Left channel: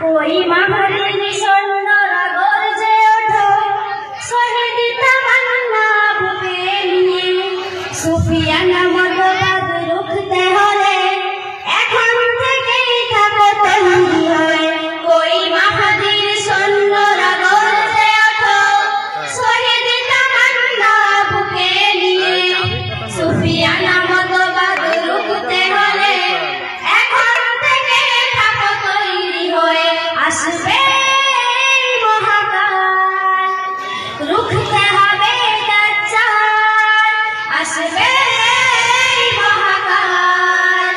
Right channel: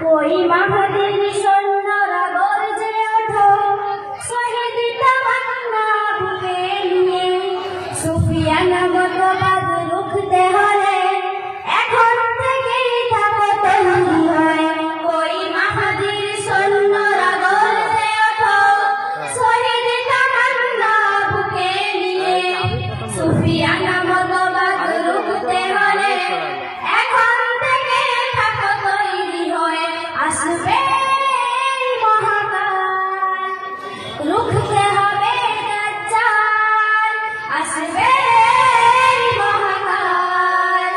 कोई महावीर सौंदर्य गरजे ओठो शहीद तमन्ना बुके लिए सुफियाना मतवाद रुखते हले এখন থেকেই থাকো তৈরি হয়ে कोई महावीर सौंदर्य गरजे ओठो शहीद तमन्ना बुके लिए सुफियाना मतवाद रुखते हले আসবে মহাকাল রুখতে হবে দাজ্জাল আসবে মহাকাল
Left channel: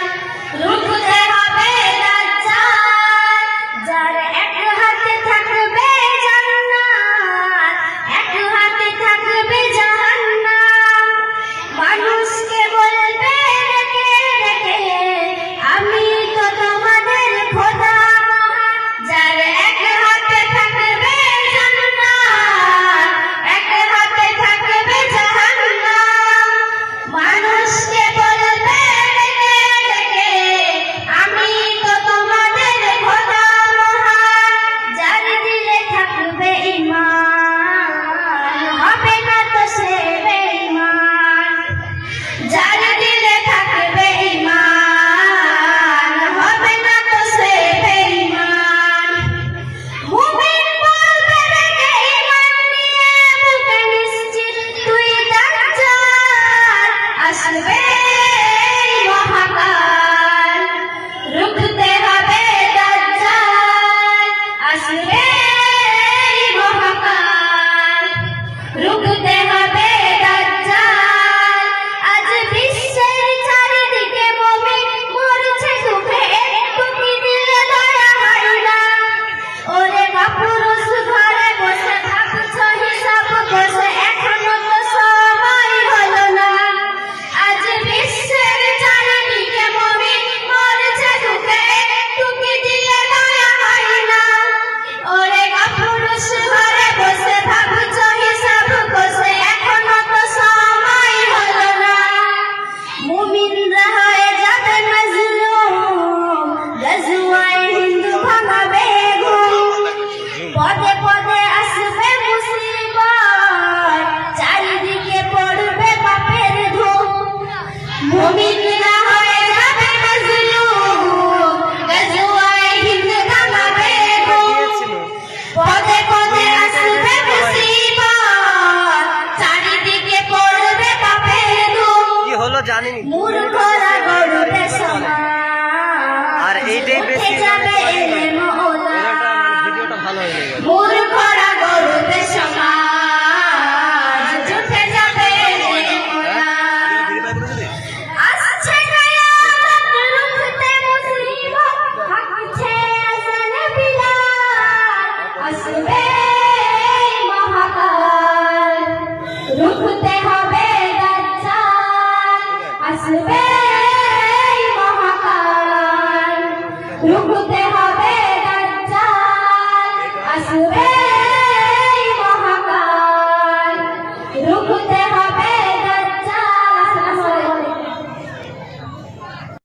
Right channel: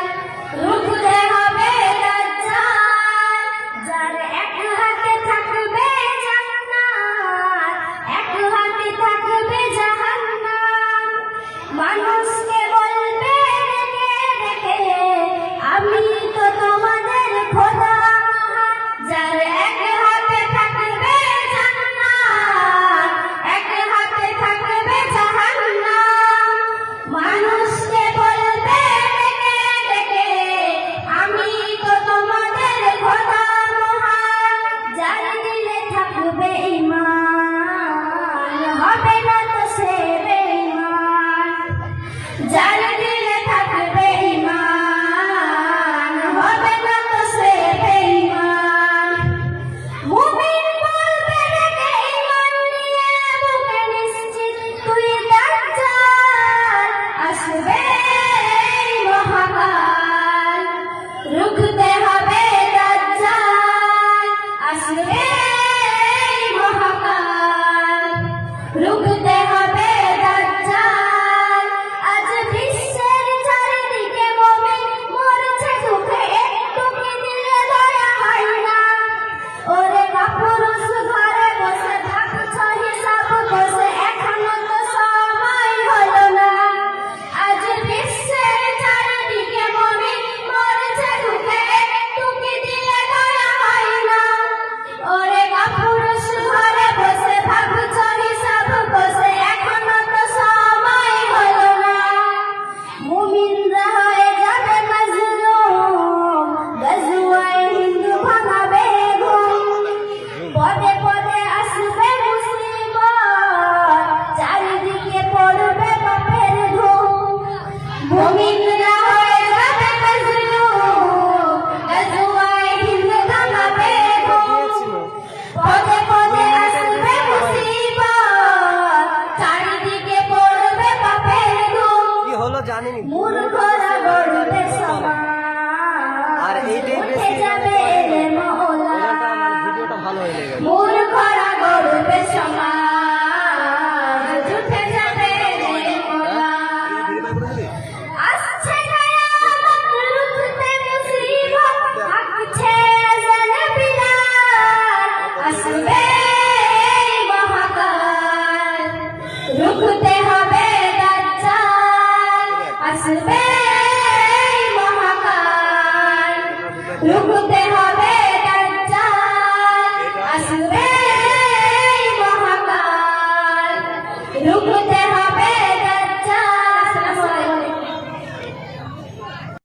রুখতে হবে দাজ্জাল যার এক হাতে থাকবে জান্নাত এক হাতে থাকবে জাহান্নাম মানুষকে বলবে রেখে আমি তো তোমাদের খোদা যার এক হাতে থাকবে জান্নাত এক হাতে থাকবে জাহান্নাম মানুষকে বলবে ডেকে ডেকে আমি তো তোমাদের খোদা মহান যার দিলে থাকবে ঈমান হবে না তো সে বেঈমান যার দিলে থাকবে ঈমান হবে না তো সে বেঈমান মুমিন বলবে রেখে ঈমান নিয়ে বুকে নিশ্চিত তুই দাজ্জাল আসবে মহাকাল রুখতে হবে দাজ্জাল আসবে মহাকাল রুখতে হবে দাজ্জাল আজ বিশ্বের চারিদিকে মুমিন মরছে দুঃখে একটু কি দিলে দয়া হয় না ওরে কাপুরুষ ঘরে বসে ভাবছ হিসাব বসে এখনো তো সময় হলো না আজ বিশ্বের চারিদিকে মুমিন মরছে দুঃখে একটু কি দিলে দয়া হয় না ওরে কাপুরুষ ঘরে বসে ভাবছ হিসাব বসে এখনো তো সময় হলো না মুমিনরা হয়ে যাবে মাজলুম গজওয়ায়ে হিন্দ ভাঙাবে ঘুম পদে পদে আসবে মুসিবত চারিদিকে পড়বে পাপের ধুম মুমিনরা হয়ে যাবে মাজলুম গজওয়ায়ে হিন্দ ভাঙাবে ঘুম পদে পদে আসবে মুসিবত চারিদিকে পড়বে পাপের ধুম কি হলো জানিনি মূর্খরা গড়বে সমাজ আর এইটাই বেশি যাবে ওটা মানে ভিডিওটা ভালো হয়ে গেল মূর্খরা গড়বে সমাজ জুটে যাবে আসছে কিয়ামত রুখতে মুসিবত হাঁকছে আযান বিলাল আসবে মহাকাল রুখতে হবে দাজ্জাল আসবে মহাকাল রুখতে